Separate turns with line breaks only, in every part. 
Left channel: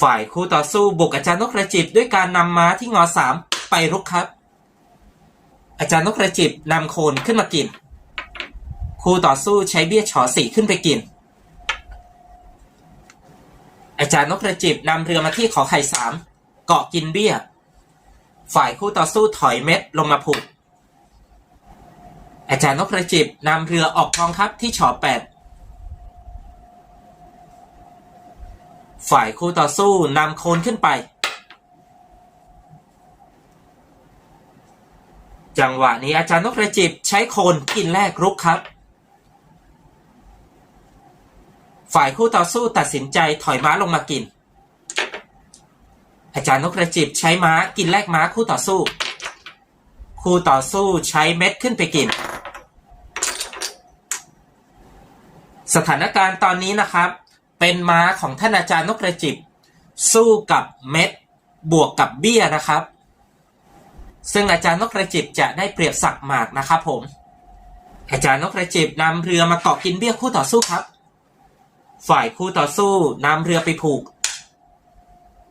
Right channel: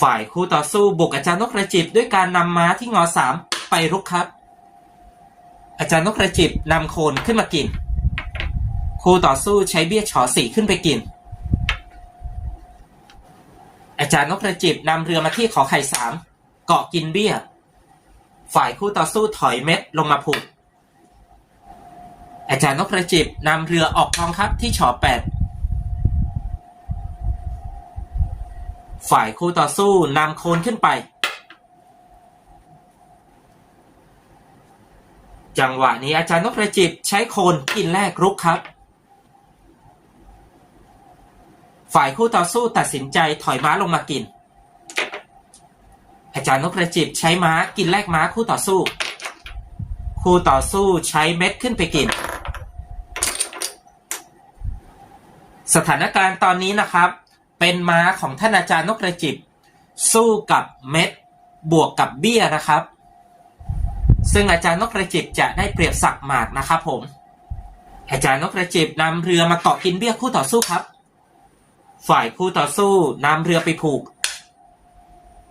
ฝ่ายคู่ต่อสู้บุกอาจารย์นกกระจิบด้วยการนำม้าที่งอสามไปรุกครับ อาจารย์นกกระจิบนำโคนขึ้นมากิน คู่ต่อสู้ใช้เบี้ยฉอสี่ขึ้นไปกิน อาจารย์นกกระจิบนำเรือมาที่ขอไข่สามเกาะกินเบี้ย ฝ่ายคู่ต่อสู้ถอยเม็ดลงมาผูกอาจารย์นกกระจิบนำเรือออกกองทัพที่ฉอแปด ฝ่ายคู่ต่อสู้นำโคนขึ้นไป จังหวะนี้อาจารย์นกกระจิบใช้โคนกินแรกรุกครับ ฝ่ายคู่ต่อสู้ตัดสินใจถอยม้าลงมากิน อาจารย์นกกระจิบใช้ม้ากินแลกม้าคู่ต่อสู้ คู่ต่อสู้ใช้เม็ดขึ้นไปกิน สถานการณ์ตอนนี้นะครับ เป็นม้าของท่านอาจารย์นกกระจิบ สู้กับเม็ดบวกกับเบี้ยนะครับ ซึ่งอาจารย์นกกระจิบจะได้เปรียบสักหมากนะครับผม อาจารย์นกกระจิบนำเรือมาเกาะกินเบี้ยคู่ต่อสู้ครับ ฝ่ายคู่ต่อสู้นำเรือไปผูก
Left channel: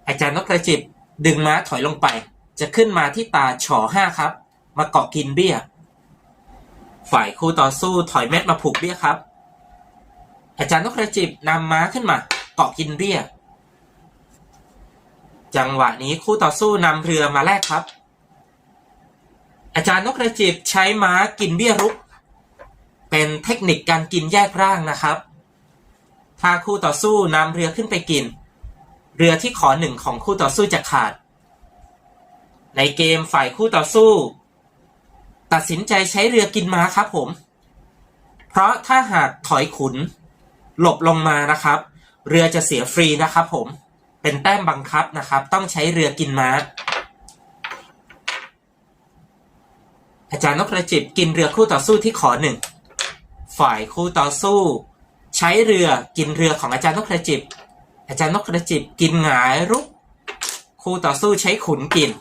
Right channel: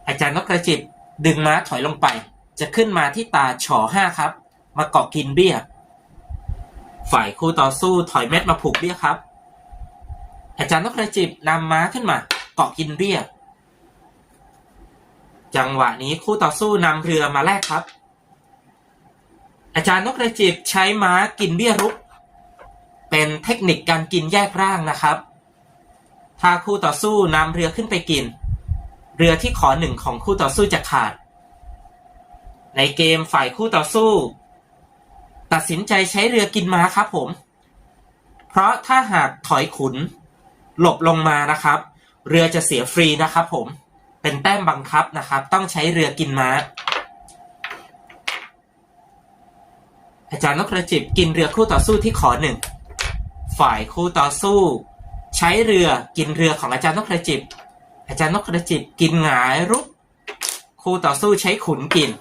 อาจารย์นกกระจิบดึงม้าถอยลงไป จะขึ้นมาที่ตาฉอห้าครับ มาเกาะกินเบี้ย ฝ่ายคู่ต่อสู้ถอยเม็ดมาผูกเบี้ยครับ อาจารย์นกกระจิบนำม้าขึ้นมา เกาะกินเบี้ยจังหวะนี้คู่ต่อสู้นำเรือมาแลกครับ อาจารย์นกกระจิบใช้ม้ากินเบี้ยรุก เป็นเทคนิคการกินแยกร่างนะครับ ถ้าคู่ต่อสู้นำเรือขึ้นไปกิน เรือที่ขอหนึ่งของคู่ต่อสู้จะขาด ในเกมฝ่ายคู่ต่อสู้ ตัดสินใจใช้เรือกินม้าครับผม เพราะถ้าหากถอยขุน หลบลงมานะครับ เรือจะเสียฟรีนะครับ ผมเป็นแต้มบังคับนะครับ ต้องใช้เรือกินม้า อาจารย์นกกระจิบกินเรือคู่ต่อสู้ที่ขอหนึ่งฝ่ายคู่ต่อสู้ ใช้เรือกินเรือของอาจารย์นกกระจิบ อาจารย์นกกระจิบกินหงายรุกคู่ต่อสู้ใช้ขุนกิน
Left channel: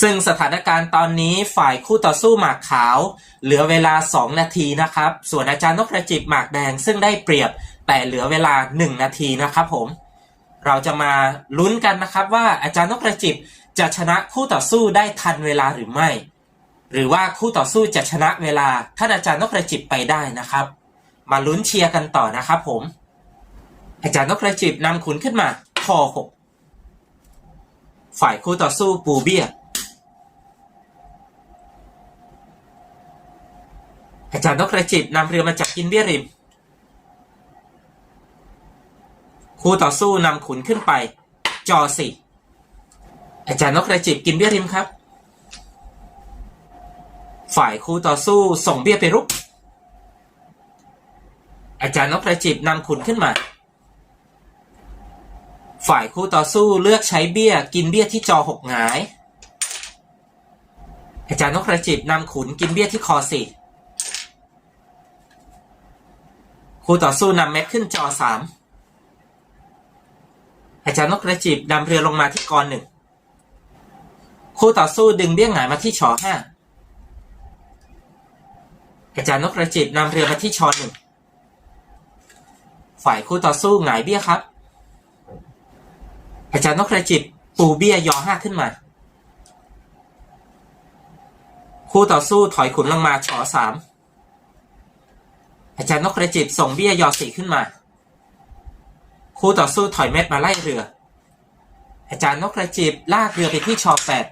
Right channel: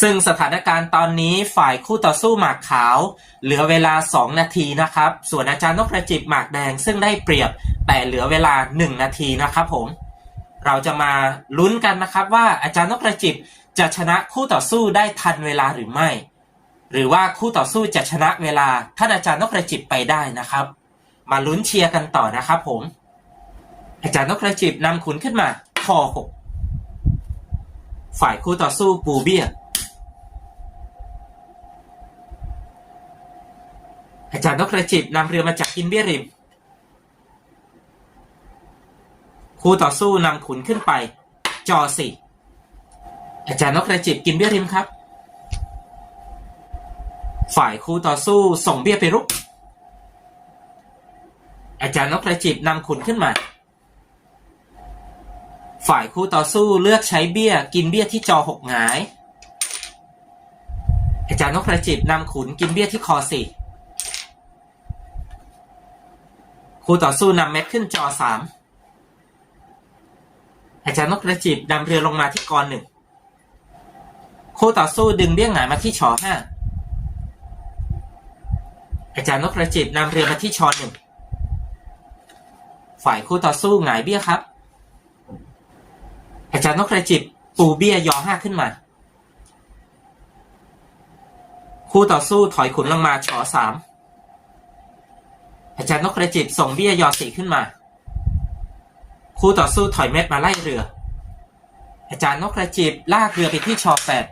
ซึ่งสถานการณ์ตอนนี้ฝ่ายคู่ต่อสู้หมากขาว เหลือเวลา 2 นาทีนะครับ ส่วนอาจารย์นกกระจิบหมากแดงซึ่งได้เปรียบแต่เหลือเวลา 1 นาทีนะครับผม เราจะมาลุ้นกันนะครับว่าอาจารย์นกกระจิบจะชนะคู่ต่อสู้ได้ทันเวลาหรือไม่ หรือว่าคู่ต่อสู้จะชนะเวลาท่านอาจารย์นกกระจิบไปได้นะครับ มาลุ้นเชียร์กันต่อนะครับผม อาจารย์นกกระจิบนำขุนขึ้นมาทอหกฝ่ายคู่ต่อสู้ปูเบี้ย อาจารย์นกกระจิบนำเรือมาจากกินเบี้ยริม คู่ต่อสู้นำขุนขึ้นไป จอสี่อาจารย์นกกระจิบกินเบี้ยริมครับ ฝ่ายคู่ต่อสู้ส่งเบี้ยไปรุก อาจารย์นกกระจิบนำขุนขึ้นมา ฝ่ายคู่ต่อสู้เลือกใช้เบี้ยกินเบี้ยที่จอหกหงาย อาจารย์นกกระจิบนำขุนกินเบี้ยที่คอสี่ คู่ต่อสู้นำเม็ดขึ้นจอสามอาจารย์นกกระจิบนำเรือลงมาที่กรหนึ่งคู่ต่อสู้ดึงเบี้ยงหงายมาที่ชอห้าอาจารย์นกกระจิบนำเรือมาที่ชอหนึ่งฝ่ายคู่ต่อสู้หงายเบี้ยครับ อาจารย์นกกระจิบปูเบี้ยยอห้าขึ้นมา คู่ต่อสู้ถอยขุนลงมาชอสาม อาจารย์นกกระจิบส่งเบี้ยยอสี่ขึ้นมา คู่ต่อสู้ถอยเม็ดมาไล่เรือ อาจารย์นกกระจิบลากเรือไปที่ชอแปด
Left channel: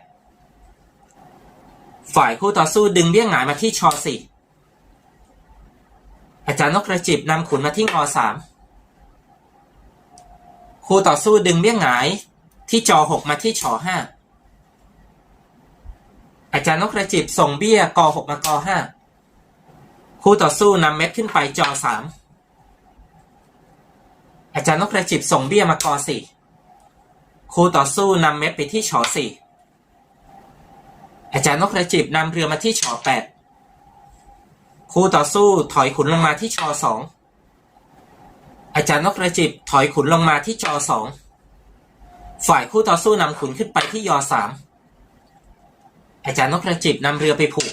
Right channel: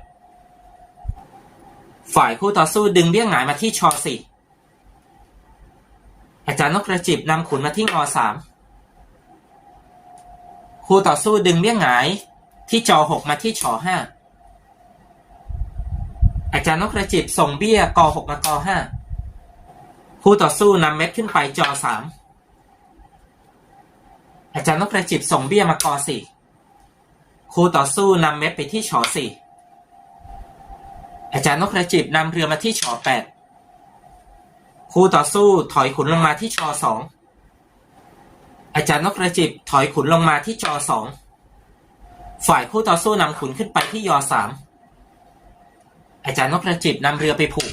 ฝ่ายคู่ต่อสู้ดึงเบี้ยหงายมาที่ชอสี่อาจารย์นกกระจิบนำขุนมาที่งอสามคู่ต่อสู้ดึงเบี้ยหงายที่จอหกมาที่ชอห้าอาจารย์นกกระจิบส่งเบี้ยกอหกมากอห้า คู่ต่อสู้นำเม็ดขึ้นไปจอสามอาจารย์นกกระจิบส่งเบี้ยมากอสี่คู่ต่อสู้นำเม็ดไปที่ชอสี่อาจารย์นกกระจิบนำเรือมาที่ชอแปดคู่ต่อสู้ถอยขุนลงมาที่ชอสองอาจารย์นกกระจิบถอยขุนลงมาที่จอสองฝ่ายคู่ต่อสู้นำขุนขึ้นไปที่ยอสามอาจารย์นกกระจิบนำเรือไปผูก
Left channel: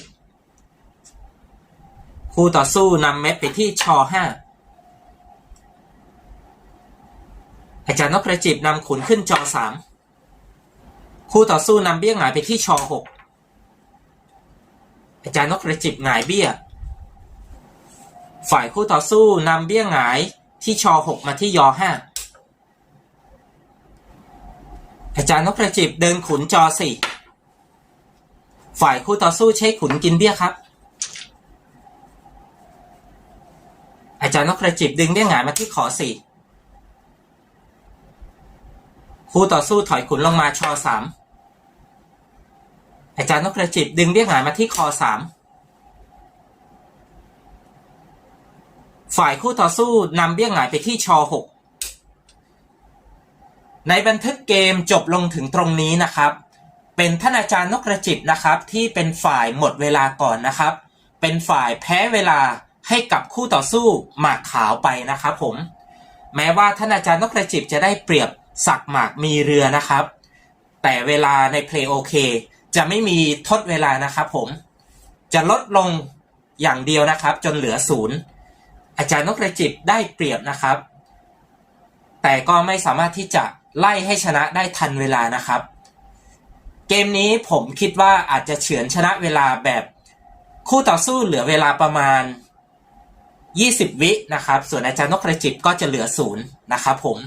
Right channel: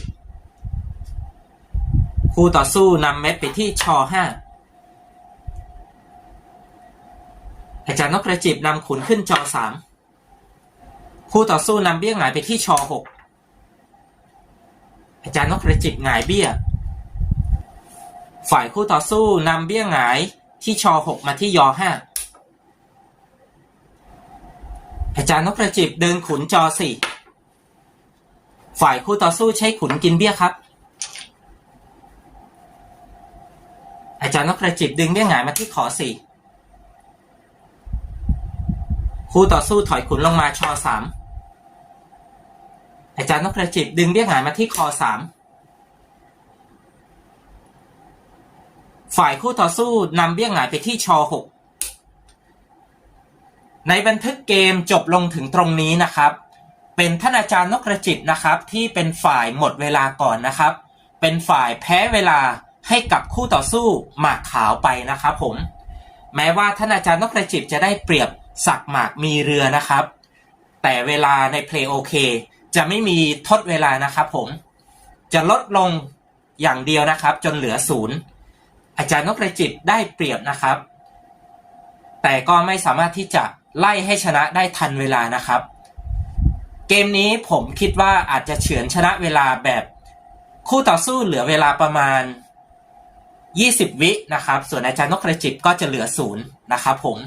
คู่ต่อสู้นำเม็ดไปที่ชอห้าอาจารย์นกกระจิบนำขุนขึ้นจอสามคู่ต่อสู้นำเบี้ยหงายไปที่ชอหกอาจารย์นกกระจิบหงายเบี้ย ฝ่ายคู่ต่อสู้นำเบี้ยหงายที่ชอหกมาที่ยอห้าอาจารย์นกกระจิบเดินขุนจอสี่ฝ่ายคู่ต่อสู้ใช้ขุนกินเบี้ยครับ อาจารย์นกกระจิบดึงเบี้ยหงายมาที่ขอสี่คู่ต่อสู้ถอยขุนลงมาชอสามอาจารย์นกกระจิบดึงเบี้ยหงายมาที่คอสามฝ่ายคู่ต่อสู้นำเบี้ยหงายไปที่ชอหกในบันทึกเกมจบลงถึงตรงนี้นะครับ เป็นท่านอาจารย์นกกระจิบนะครับที่เป็นฝ่ายหมดเวลาก่อนนะครับ เป็นฝ่ายแพ้เวลา ให้กับคู่ต่อสู้หมากขาวไปนะครับผม แม้ว่าท่านอาจารย์นกกระจิบจะได้เปรียบสักหมากมีเรือนะครับ แต่เวลาในเพลย์โอเคจะไม่มีทดเวลานะครับผม จะลดลงอย่างเดียวนะครับ จนเหลือศูนย์อาจารย์นกกระจิบได้เปรียบนะครับ แต่ก็ไม่สามารถที่จะไล่ให้ชนะได้ทันเวลานะครับ เกมนี้ผมคิดว่าอาจจะเฉือนชนะเวลาแบบคู่ต่อสู้เหลือเวลาประมาณ 20 วินะครับ ส่วนอาจารย์นกกระจิบก็จะเหลือศูนย์นะครับผม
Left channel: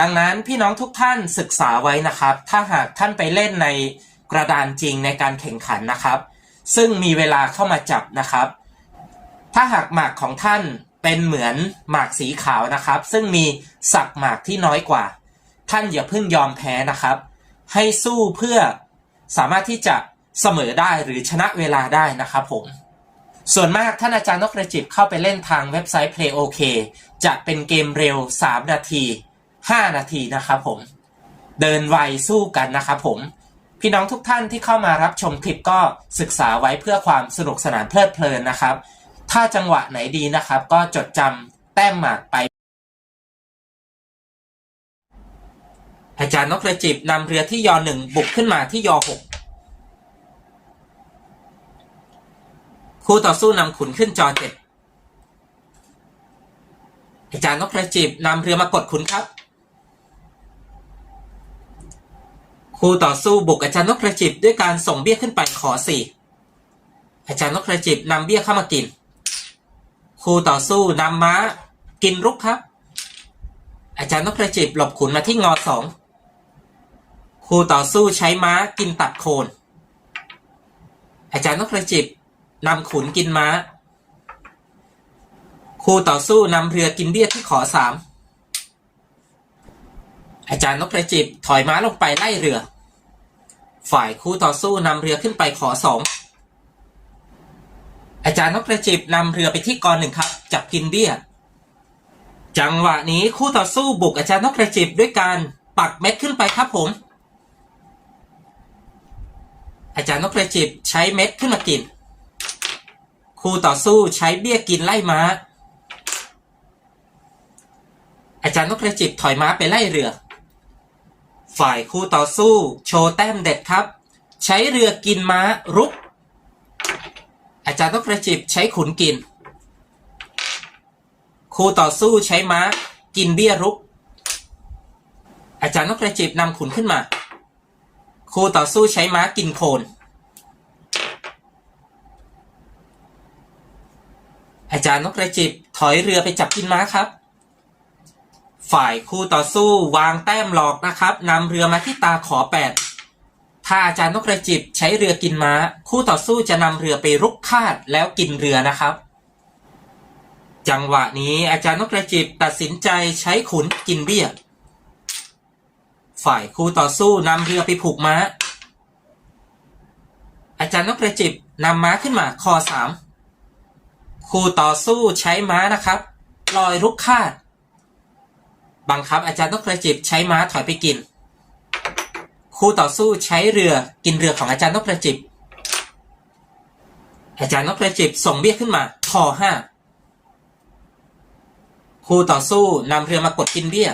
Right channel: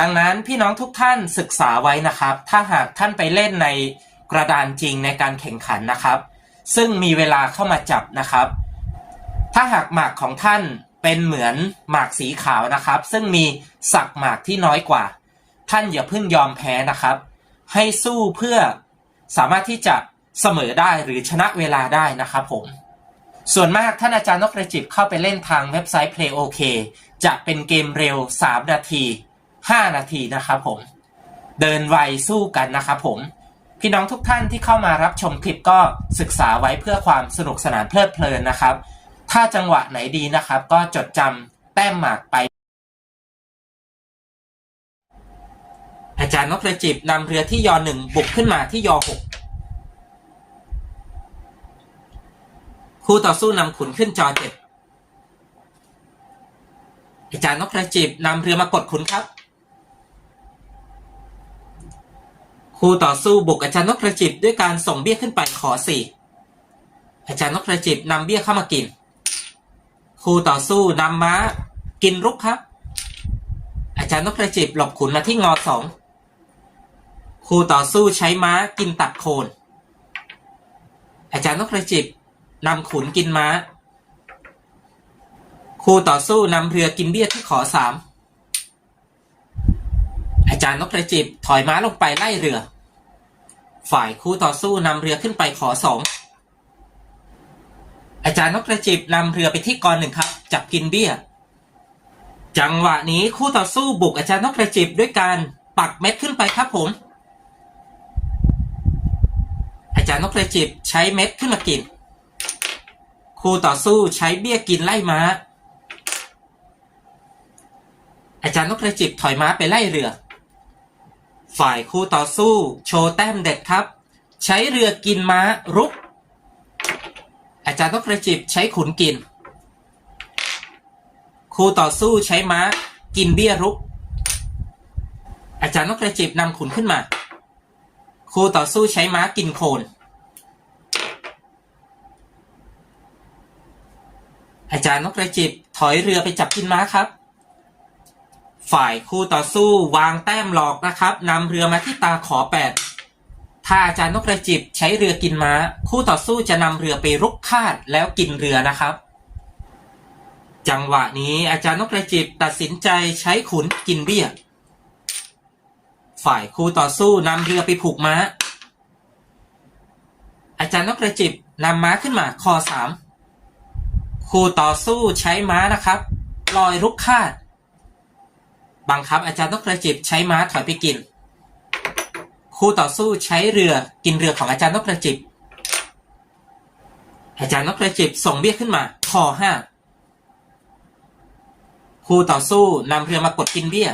ดังนั้นพี่น้องทุกท่านศึกษาไว้นะครับ ถ้าหากท่านไปเล่นในกระดานจริงในการแข่งขันนะครับ ซึ่งมีเวลาเข้ามาจับนะครับ ถ้าหากหมากของท่านเป็นเหมือนหมากสีขาวนะครับ ซึ่งมีสักหมากที่น้อยกว่า ท่านอย่าเพิ่งยอมแพ้นะครับ ให้สู้เพื่อสามารถที่จะเสมอได้หรือชนะเวลาได้นะครับผม ส่วนมากท่านอาจารย์นกกระจิบเข้าไปเล่นทางเว็บไซต์ Play OK จะเป็นเกมเร็ว 3 นาที 5 นาทีนะครับผม เดินไวสู้กันนะครับผม พี่น้องทุกท่านที่เข้ามารับชมคลิปก็ศึกษาไว้เพื่อความสนุกสนานเพลิดเพลินนะครับ ถ้าจังหวะไหนดีนะครับ ก็จดจำแต้มหมากไปอาจารย์นกกระจิบนำเรือที่ยอหนึ่งบุกขึ้นมาที่ยอหก คู่ต่อสู้นำขุนขึ้นจอเจ็ดอาจารย์นกกระจิบนำเรือมากดขุนครับ คู่ต่อสู้บุกอาจารย์นกกระจิบด้วยการส่งเบี้ยขึ้นไปขอสี่อาจารย์นกกระจิบนำเบี้ยเข้ามากิน คู่ต่อสู้นำม้า กินรุกครับ อาจารย์นกกระจิบหลบขุนมาที่งอสองคู่ต่อสู้ใช้ม้ากินตัดโคน อาจารย์นกกระจิบ นำขุนกินม้า คู่ต่อสู้นำเรือกินเบี้ยที่ขอสามอาจารย์นกกระจิบถอยม้าลงไปไล่เรือ ฝ่ายคู่ต่อสู้นำเรือขึ้นไปขอสองอาจารย์นกกระจิบนำเรือไปที่กรหนึ่งครับ จับกินเบี้ย จังหวะนี้คู่ต่อสู้บุกอาจารย์นกกระจิบด้วยการปักเม็ดขึ้นไปครับผม อาจารย์นกกระจิบใช้เม็ดขึ้นมากิน คู่ต่อสู้ใช้เบี้ยกินไล่ม้า อาจารย์นกกระจิบถอยม้าไปไล่เรือ ฝ่ายคู่ต่อสู้ โชว์แต้มเด็ดครับ ใช้เรือกินม้ารุก อาจารย์นกกระจิบใช้ขุนกิน คู่ต่อสู้ใช้ม้า กินเบี้ยรุก อาจารย์นกกระจิบนำขุนขึ้นมา คู่ต่อสู้ใช้ม้ากินโคน อา จารย์นกกระจิบถอยเรือไปจับกินม้าครับ ฝ่ายคู่ต่อสู้วางแต้มหลอกนะครับนำเรือมาที่ตาขอแปดถ้าอาจารย์นกกระจิบใช้เรือกินม้า คู่ต่อสู้จะนำเรือไปรุกคาดแล้วกินเรือนะครับ จังหวะนี้อาจารย์นกกระจิบตัดสินใจใช้ขุนกินเบี้ยฝ่ายคู่ต่อสู้นำเรือไปผูกม้า อาจารย์นกกระจิบนำม้าขึ้นมาคอสาม คู่ต่อสู้ใช้ม้านะครับลอยรุกคาด บังคับอาจารย์นกกระจิบใช้ม้าถอยไปกิน คู่ต่อสู้ใช้เรือกินเรือของอาจารย์นกกระจิบ อาจารย์นกกระจิบส่งเบี้ยขึ้นมาคอห้าคู่ต่อสู้นำเรือมากดกินเบี้ย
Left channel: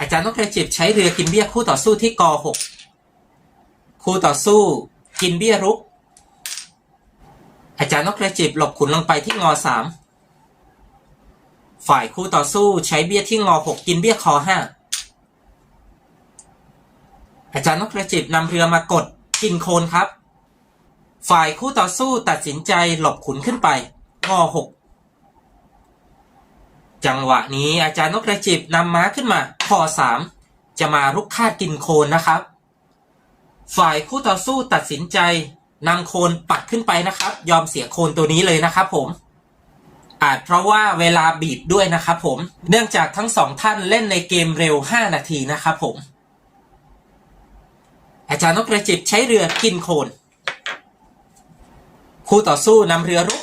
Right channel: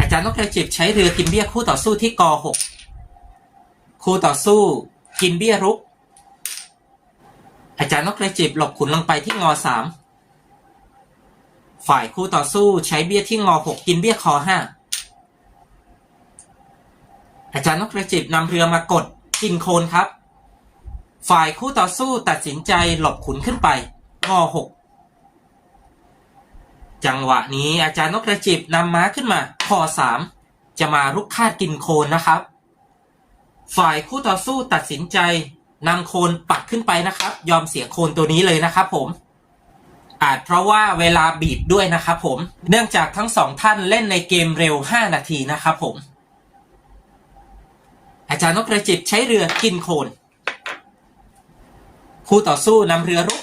อาจารย์นกกระจิบใช้เรือกินเบี้ยคู่ต่อสู้ที่กหกคู่ต่อสู้กินเบี้ยรุก อาจารย์นกกระจิบหลบขุนลงไปที่งอสามฝ่ายคู่ต่อสู้ใช้เบี้ยที่งอหกกินเบี้ยคอห้าอาจารย์นกกระจิบนำเรือมากดกินโคนครับ ฝ่ายคู่ต่อสู้ตัดสินใจหลบขุนขึ้นไปงอหกจังหวะนี้อาจารย์นกกระจิบนำม้าขึ้นมาคอสามจะมารุกคาดกินโคนนะครับ ฝ่ายคู่ต่อสู้ตัดสินใจ นำโคนปักขึ้นไปนะครับ ยอมเสียโคนตัวนี้เลยนะครับผม อาจเพราะว่าเวลาบีบด้วยนะครับผม เนื่องจากทั้งสองท่านเล่นในเกมเร็ว 5 นาทีนะครับผม อาจารย์นกกระจิบใช้เรือกินโคน คู่ต่อสู้นำเรือรุก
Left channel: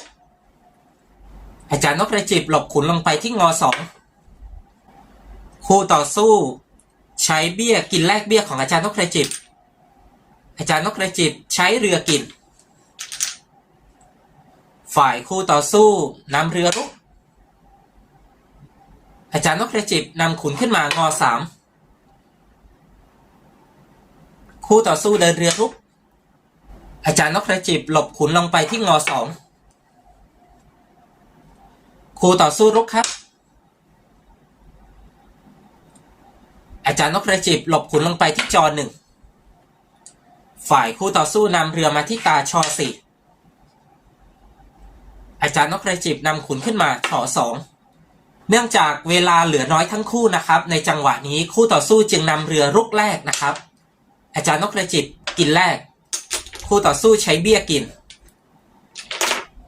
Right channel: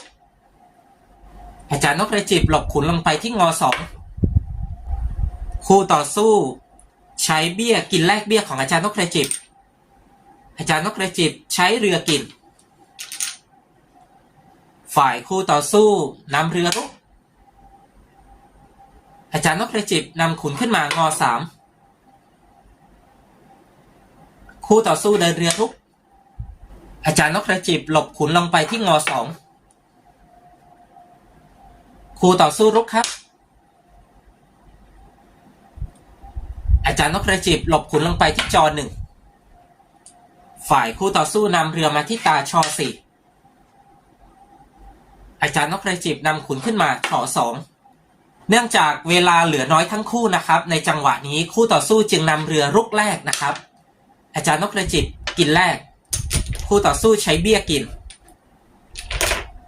อาจารย์นกกระจิบหลบขุนลงไปที่งอสองคู่ต่อสู้ ใช้เบี้ยกินแลกเบี้ยของอาจารย์นกกระจิบ อาจารย์นกกระจิบใช้เรือกิน ฝ่ายคู่ต่อสู้นำเรือรุก อาจารย์นกกระจิบนำขุนขึ้นมางอสามคู่ต่อสู้เดินเรือรุก อาจารย์นกกระจิบหลบขุนลงไปที่งอสองคู่ต่อสู้รุกครับ อาจารย์นกกระจิบหลบขุนลงไปที่จอหนึ่ง ฝ่ายคู่ต่อสู้นำเรือมาที่ตาชอสี่อาจารย์นกกระจิบนำขุนขึ้นมาถอสองเนื่องจากเวลาเหลือน้อยทั้งคู่นะครับ ในจังหวะนี้คู่ต่อสู้จึงนำเรือรุกแรกนะครับ อาจารย์นกกระจิบกินแรก คู่ต่อสู้ใช้เบี้ยกิน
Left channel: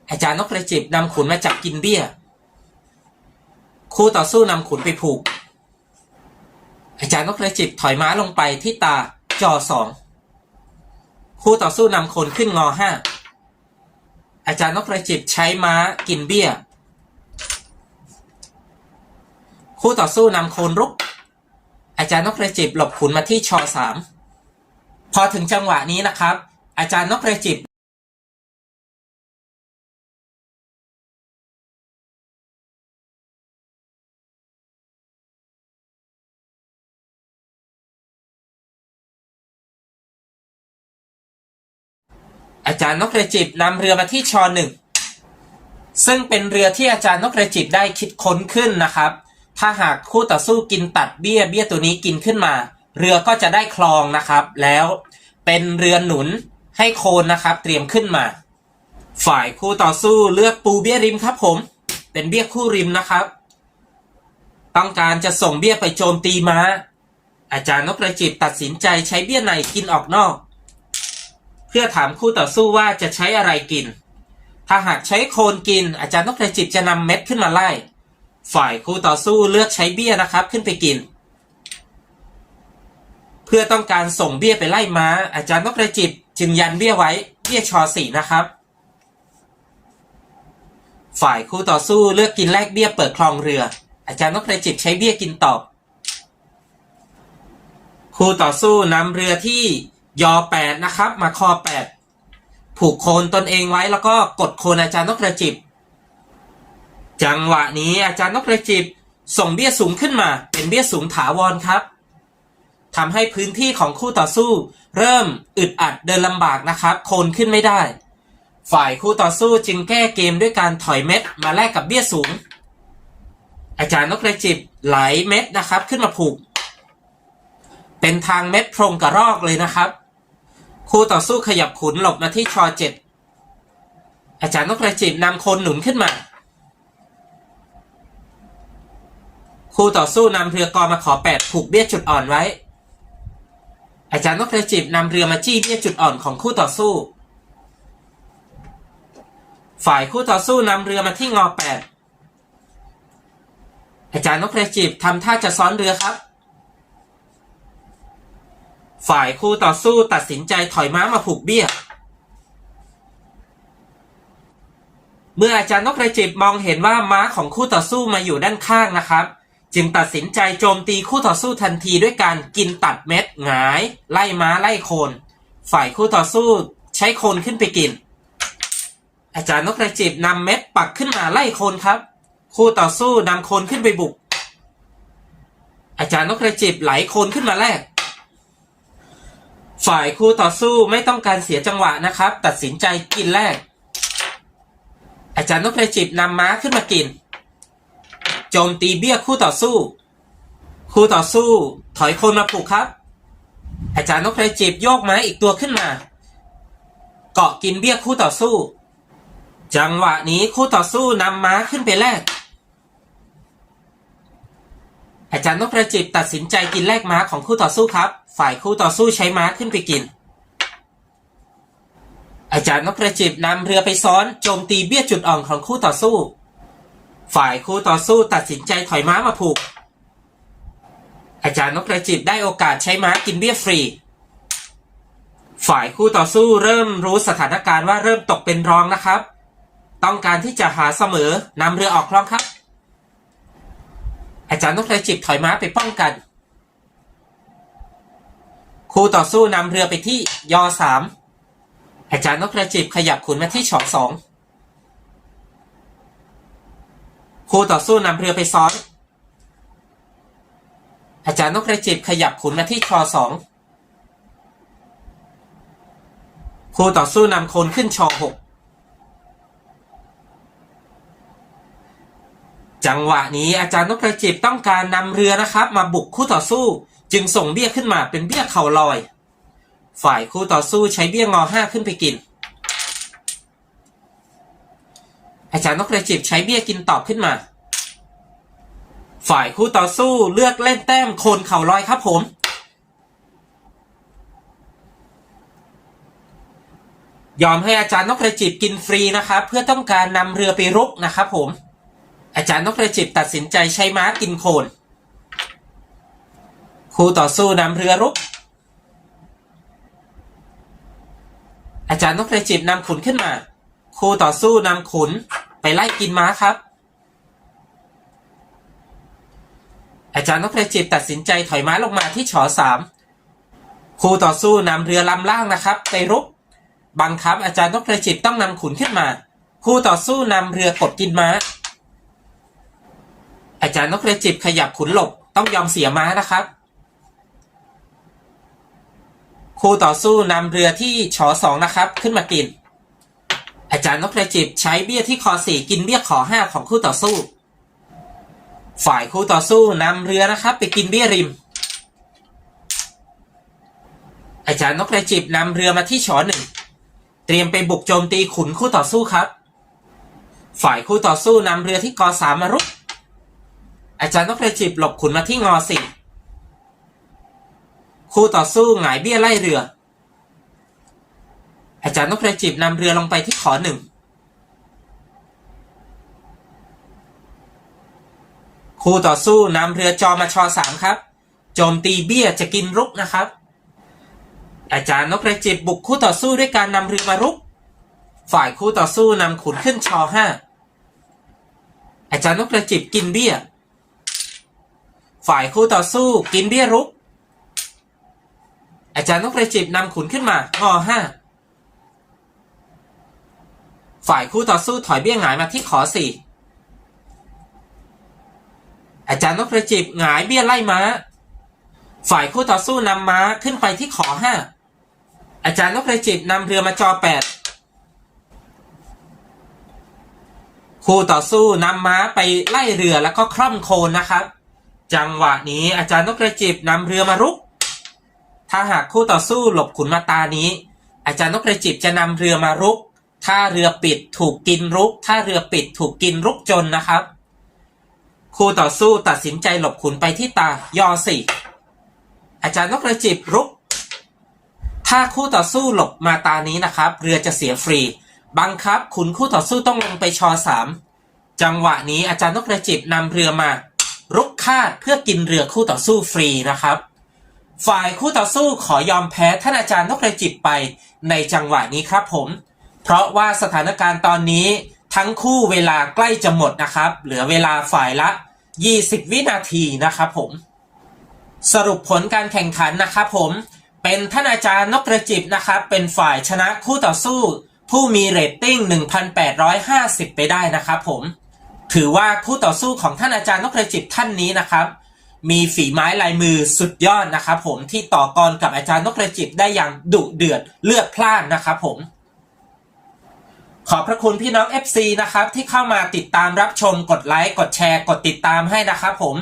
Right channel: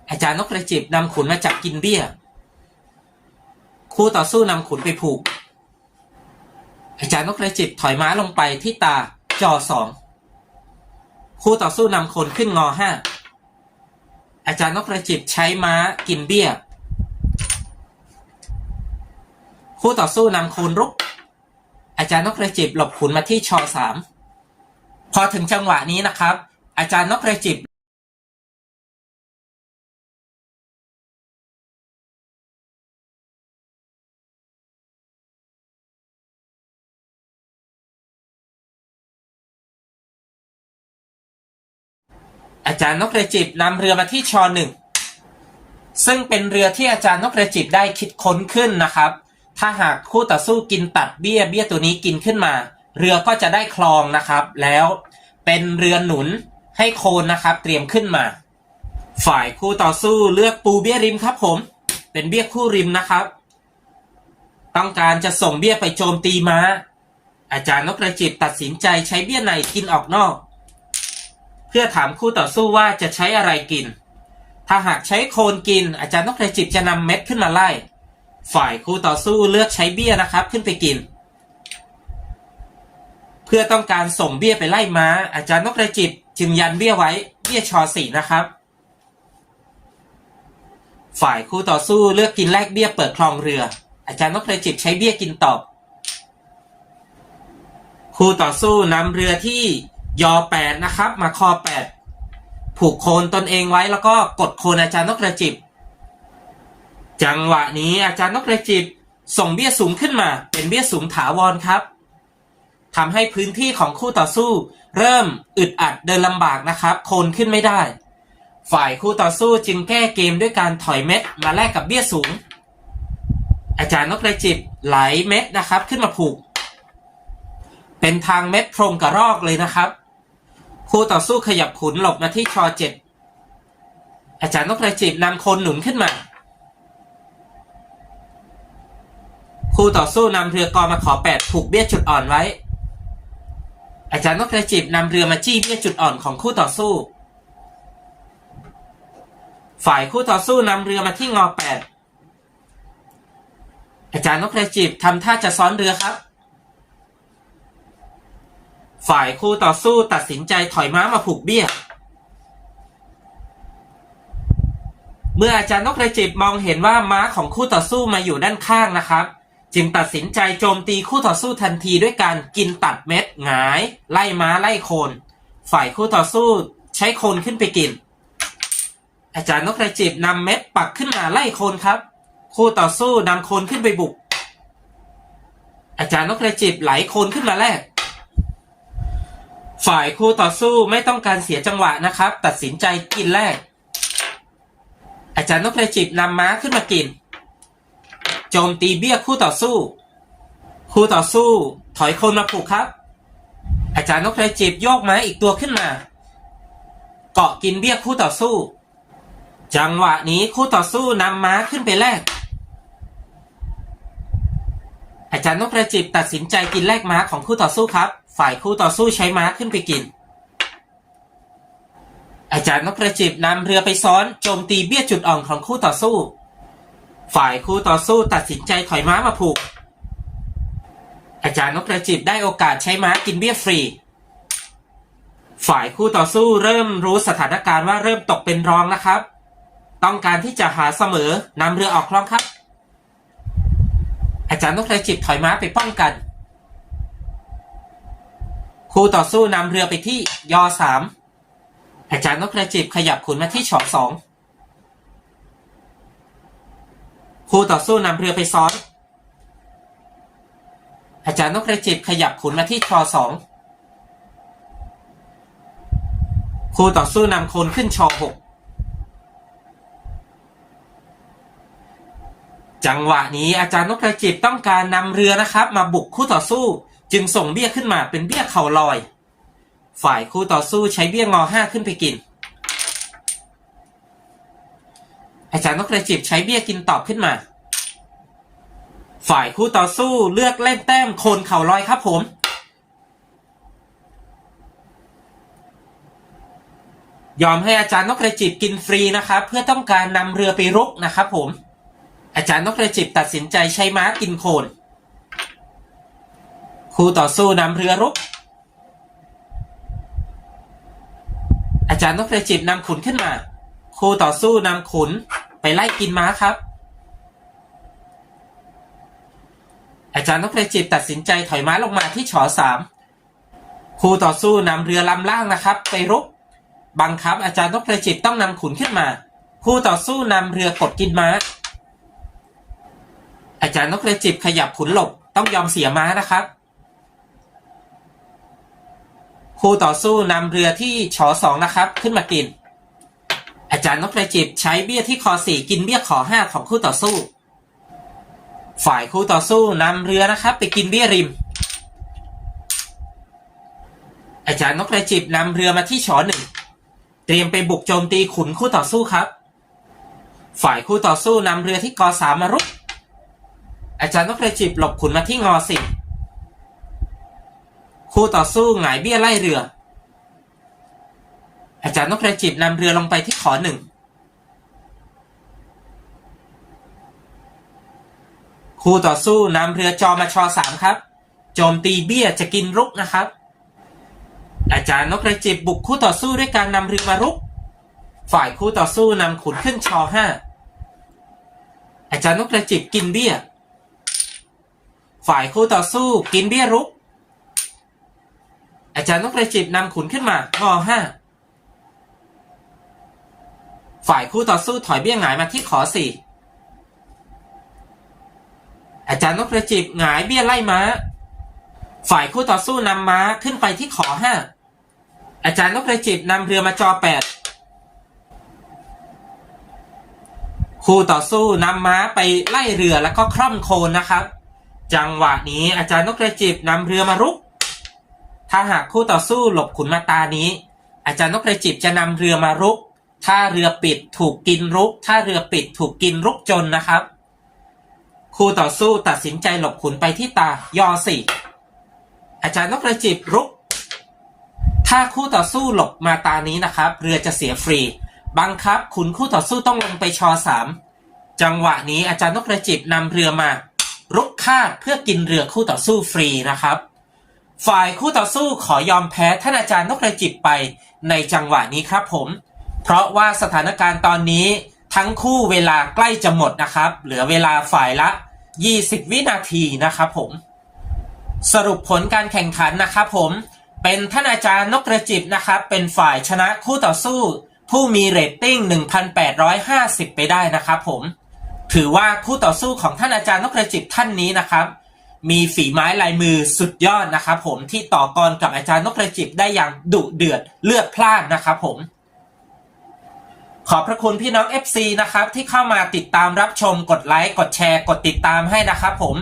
อาจารย์นกกระจิบนำขุนมาจับกินเบี้ย คู่ต่อสู้นำขุนไปผูก อาจารย์นกกระจิบถอยม้าลงไปที่ตาจอสอง คู่ต่อสู้นำคนขึ้นงอห้าอาจารย์นกกระจิบใช้ม้ากินเบี้ย คู่ต่อสู้นำโคนรุก อาจารย์นกกระจิบหลบขุนมาที่ชอสามพอถึงจังหวะนี้นะครับ อาจารย์นกกระจิบารย์นกกระจิบนำเรือมาที่ชอหนึ่งซึ่งเป็นเรือที่อาจารย์นกกระจิบได้คิดค้นขึ้นนะครับ ถ้าหากคู่ต่อสู้กินตัดเบี้ยเบี้ยตัวนี้กินขึ้นมา เรือก็จะได้คลองนะครับ แล้วเป็นเรือหนุนให้โคนนะครับ เตรียมขึ้นมา ฝ่ายคู่ต่อสู้เลือกปูเบี้ยริมครับผม เป็นเบี้ยคู่ริมนะครับ ต้องการจะส่งเบี้ยไปโจมตีม้า อาจารย์นกกระจิบตัดสินใจใช้เบี้ยในกินออกนอก เพื่อถามคู่ต่อสู้ว่าจะใช้อะไรกิน ถ้าหากใช้โคนกิน อาจารย์นกกระจิบจะนำเม็ดขึ้นมาไล่ ฝ่ายคู่ต่อสู้เลือกใช้เบี้ยนะครับขึ้นไปกิน เพื่อต้องการส่งเบี้ยไปไล่ม้า อาจารย์นกกระจิบจึงยันเบี้ยไว้เบี้ยชอสี่นะครับ ฝ่ายคู่ต่อสู้เลือกกินแลกเบี้ยเปิดคลองเรือ อาจารย์นกกระจิบใช้เบี้ยกินตอบคู่ต่อสู้นำเรือที่ ยอแปดนะครับ มาคอแปดผูกโคนตนเองไว้แล้วก็กดโคนอาจารย์นกกระจิบ จังหวะนี้อาจารย์นกกระจิบ ส่งเบี้ยสูงขึ้นมา เป็นเบี้ยสูงถาวรครับทำให้พื้นที่ของคู่ต่อสู้ เริ่มอึดอัดเดินลำบากนะครับ โคนขึ้นไม่ได้ ฝ่ายคู่ต่อสู้จึงแก้เกมด้วยการถอยเม็ดมาแลกกับเบี้ยสูง อาจารย์นกกระจิบไหลเม็ดนะครับขึ้นมาผูก เป็นทางเม็ดโพรงกระรอกเลยนะครับ คู่ต่อสู้ขยับขุนหลบมาที่ชอเจ็ดอาจารย์นกกระจิบนำโคนหนุนขึ้นมา คู่ต่อสู้นำเรือกอมาขอแปดผูกเบี้ยจุดอ่อนไว้ อาจารย์นกกระจิบนำเรือมาจี้เบี้ยจุดอ่อนของคู่ต่อสู้ ฝ่ายคู่ต่อสู้นำเรือมาที่งอแปดอาจารย์นกกระจิบทำท่าจะซ้อนเรือครับ ฝ่ายคู่ต่อสู้ตัดสินใจถอยม้ามาผูกเบี้ย เมื่ออาจารย์นกกระจิบมองเห็นว่าม้าของคู่ต่อสู้มาอยู่ด้านข้างนะครับ จึงตัดสินใจโจมตีคู่ต่อสู้ทันทีด้วยการกินตัดเม็ดหงาย ไล่ม้าไล่โคน ฝ่ายคู่ต่อสู้ใช้โคนขึ้นไปกิน อาจารย์นกกระจิบนำเม็ดปักขึ้นมาไล่โคนครับ คู่ต่อสู้นำโคนขึ้นไปบุก อาจารย์นกกระจิบไหลโคนขึ้นมาแลก ฝ่ายคู่ต่อสู้ไม่ต้องการเสียจังหวะนะครับ ตัดสินใจกินแรก อาจารย์นกกระจิบนำม้าขึ้นมากิน โจมตีเบี้ยคู่ต่อสู้ คู่ต่อสู้ ถอยคนมาผูกครับ อาจารย์นกกระจิบโยกม้าอีกตัวขึ้นมา เกาะกินเบี้ยคู่ต่อสู้ จังหวะนี้คู่ต่อสู้นำม้าขึ้นไปแลกอาจารย์นกกระจิบตัดสินใจกินแลกม้าของคู่ต่อสู้ครับ ฝ่ายคู่ต่อสู้ใช้ม้าขึ้นไปกิน อาจารย์นกกระจิบนำเรือไปซ้อนโจมตีเบี้ยจุดอ่อนของคู่ต่อสู้ ฝ่ายคู่ต่อสู้ตัดสินใจถอยม้ามาผูก อาจารย์นกกระจิบได้โอกาสใช้ม้ากินเบี้ยฟรี ฝ่ายคู่ต่อสู้เริ่มรู้สถานการณ์ว่าเริ่มตกเป็นรองนะครับ ต้องการที่จะหาเสมอนำเรือออกคลองครับ อาจารย์นกกระจิบถอยม้าไปป้องกัน คู่ต่อสู้นำเรือไปที่ยอสามอาจารย์นกกระจิบขยับขุนมาที่ฉอกสองคู่ต่อสู้นำเรือไปซ้อน อาจารย์นกกระจิบขยับขุนมาที่ชอสองคู่ต่อสู้นำคนขึ้นชอหกจังหวะนี้อาจารย์นกกระจิบต้องการนำเรือนะครับ มาบุกคู่ต่อสู้ จึงส่งเบี้ยขึ้นมาเป็นเบี้ยเข่าลอย ฝ่ายคู่ต่อสู้ใช้เบี้ยงอห้าขึ้นไปกิน อาจารย์นกกระจิบใช้เบี้ยกินตอบขึ้นมา ฝ่ายคู่ต่อสู้เลือกเล่นแต้มโคนเข่าลอยครับผม ยอมให้อาจารย์นกกระจิบกินฟรีนะครับ เพื่อต้องการนำเรือไปรุกนะครับผม อาจารย์นกกระจิบตัดสินใจใช้ม้ากินโคน คู่ต่อสู้นำเรือรุก อาจารย์นกกระจิบนำขุนขึ้นมา คู่ต่อสู้นำขุนไปไล่กินม้าครับ อาจารย์นกกรจิบตัดสินใจถอยม้าลงมาที่ฉอสามคู่ต่อสู้นำเรือลำล่างนะครับ ไปรุก บังคับอาจารย์นกกรจิบต้องนำขุนขึ้นมา คู่ต่อสู้นำเรือกดกินม้า อาจารย์นกกรจิบขยับขุนหลบต้องยอมเสียม้านะครับ คู่ต่อสู้นำเรือที่ชอสองนะครับ ขึ้นมากิน อาจารย์นกกระจิบใช้เบี้ยที่คอสี่กินเบี้ยขอห้าของคู่ต่อสู้ ฝ่ายคู่ต่อสู้นำเรือนะครับ ไปกินเบี้ยริม อาจารย์นกกระจิบนำเรือมาที่ชอหนึ่งเตรียมไปบุกโจมตีขุนคู่ต่อสู้ครับ ฝ่ายคู่ต่อสู้นำเรือที่กอสามมารุกอาจารย์นกกระจิบหลบขุนมาที่งอสี่ คู่ต่อสู้หงายเบี้ยไล่เรือ อาจารย์นกกระจิบนำเรือลงไปที่ขอหนึ่ง คู่ต่อสู้นำเรือจอมาชอสามครับ โจมตีเบี้ยจะกินรุกนะครับ อาจารย์นกกระจิบบุกคู่ต่อสู้ด้วยการนำเรือมารุก ฝ่ายคู่ต่อสู้นำขุนขึ้นชอห้าอาจารย์นกกระจิบกินเบี้ย ฝ่ายคู่ต่อสู้กินเบี้ยรุก อาจารย์นกกระจิบนำขุนขึ้นมางอห้าฝ่ายคู่ต่อสู้ถอยเบี้ยหงายมาที่ขอสี่อาจารย์นกกระจิบหงายเบี้ยไล่ม้า ฝ่ายคู่ต่อสู้นำม้าขึ้นไปที่ขอห้าอาจารย์นกกระจิบนำเรือมาจอแปดคู่ต่อสู้นำม้าไปไล่เรือแล้วก็คร่อมโคนนะครับ จังหวะนี้อาจารย์นกกระจิบนำเรือมารุก ถ้าหากคู่ต่อสู้หลบขุนมาตานี้ อาจารย์นกกระจิบจะนำเรือมารุก ถ้าเรือปิดถูกกินรุก ถ้าเรือปิดถูกกินรุกจนนะครับ คู่ต่อสู้ตัดสินใจหลบขุนไปที่ตายอสี่อาจารย์นกกระจิบรุก ถ้าคู่ต่อสู้หลบมาตานี้นะครับ เรือจะเสียฟรี บังคับขุนคู่ต่อสู้ต้องลงไปชอสามจังหวะนี้อาจารย์นกกระจิบนำเรือมา รุกคาเพื่อกินเรือคู่ต่อสู้ฟรีนะครับ ฝ่ายคู่ต่อสู้ขอยอมแพ้ท่านอาจารย์นกกระจิบไปในจังหวะนี้ครับผม เพราะว่าสถานการณ์ตอนนี้ทั้งคู่เวลาใกล้จะหมดนะครับ เหลือเวลาฝ่ายละ 20 วินาทีนะครับผม สรุปผลการแข่งขันนะครับผมเป็นท่านอาจารย์นกกระจิบนะครับ เป็นฝ่ายชนะคู่ต่อสู้ ผู้มีเรตติ้ง 1,850 ไปได้นะครับผม ถือว่าคู่ต่อสู้ของท่านอาจารย์นกกระจิบท่านนี้นะครับ มีฝีไม้ลายมือสุดยอดนะครับผมที่ต่อกรกับอาจารย์นกกระจิบได้อย่างดุเดือดเลือดพล่านนะครับผม ขอบพระคุณพี่น้อง FC นะครับที่เข้ามาติดตามรับชมกดไลค์กดแชร์กดติดตามให้นะครับผม